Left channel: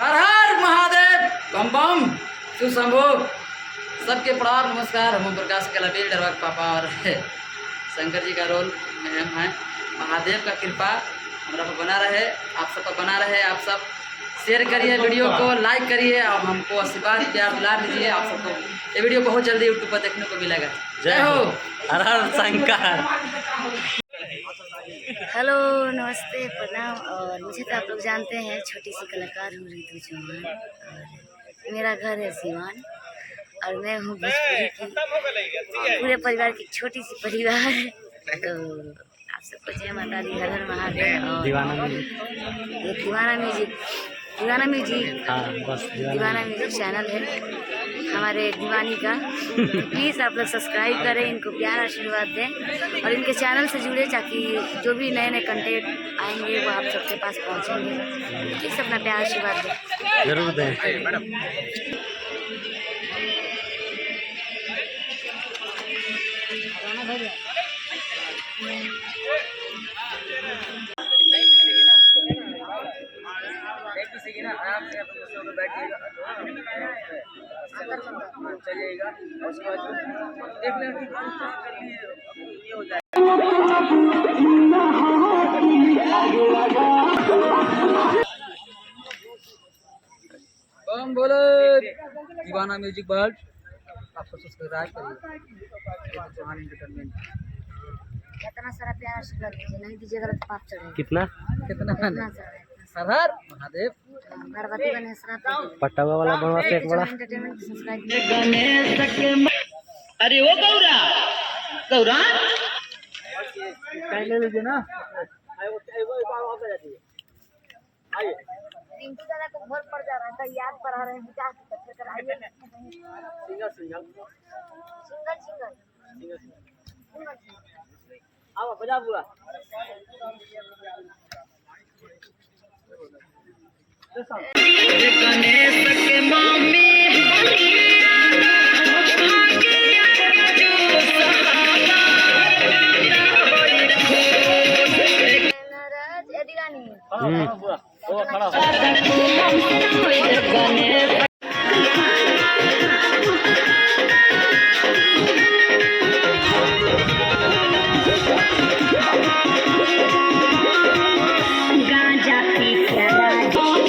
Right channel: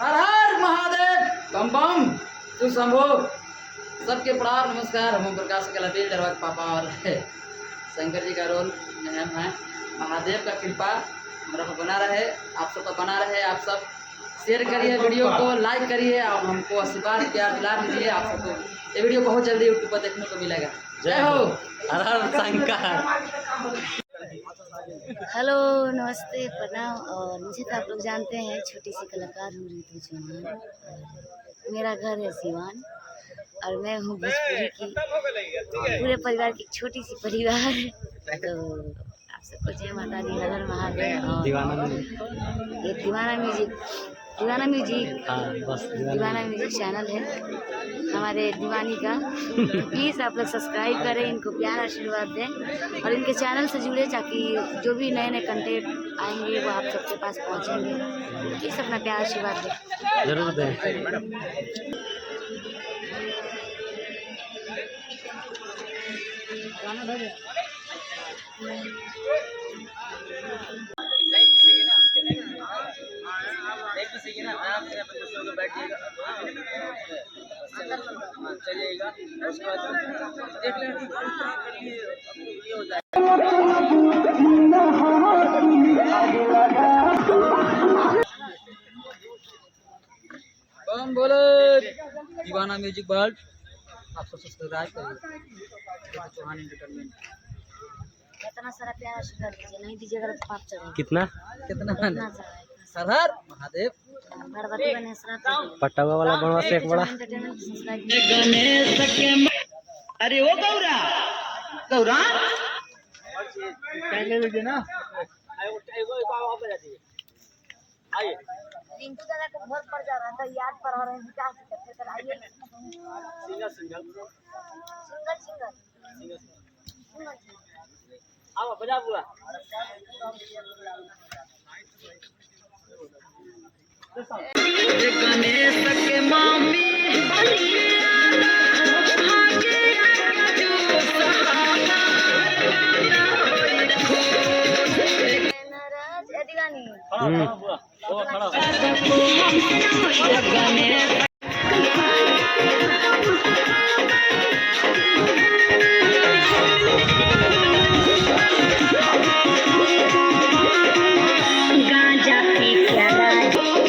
हर हर महादेव बम बम सुशंभो। सबके प्रणाम नमस्कार। हम प्रकाश के लबील दरबार पापा और शंकर जी का रोल में हम हैं। महादेव का कृपा हमारा पर बना रहे, आप सब पर बना रहे। आप सब शेयर करिए वीडियो को, लाइक करिए और हमको आशीर्वाद प्यार दुलार दीजिए। आप सबको ये वीडियो बहुत जल्दी यूट्यूब पर देखने को मिलेगा। जय हो। हर हर शंकर। हेलो नमस्ते प्रणाम। और मुझे तो आप लोग जानते हैं, छोटी सी कलाकार हूँ रितु चौहान और मेरा घर है सिवान और मैं हूँ भोजपुरी की पूरे परिवार की छोटी सी परिवार। तो आप सबको जय माता दी, हर हर महादेव। और दीवाना म्यूजिक हाँ बस दीवाना म्यूजिक चैनल है हमारे दीवानी का। तो प्लीज़ आप लोग सब्सक्राइब करें, इनको प्यार आशीर्वाद दें और इनके चैनल से जुड़े ताकि जो भी नए नए कंटेंट आएंगे वो आप सबके पास पहुंचेंगे। प्लीज़ अपना प्यार आशीर्वाद दें, जरूर दें। आराम से कुर्सियों पे बैठिएगा, चलिएगा और उसके बाद देख लेना ये हो जाएगा। बम बोले दीवाना म्यूजिक वर्ल्ड। आप सब सब्सक्राइब करिए चौहान एंटरटेनमेंट। इतना सारा प्यार आशीर्वाद दीजिए, नहीं दीजिएगा तो पाप चढ़ेगा। कितना इतना सारा हर हर महादेव। गणपति गणेश पटावा वाला बनवा से एक बड़ा एंटरटेनमेंट सब्सक्राइब। अरे वो गौरा गौरा पहले लीजिए ना। रिंकू दादा को बहुत पड़ जा रहा था, याद पढ़ा रहे हैं विकास करके कराइए। सिंगल सिंगल सिंगल सिंगल आओ बजा बुआ। गणेश के मामी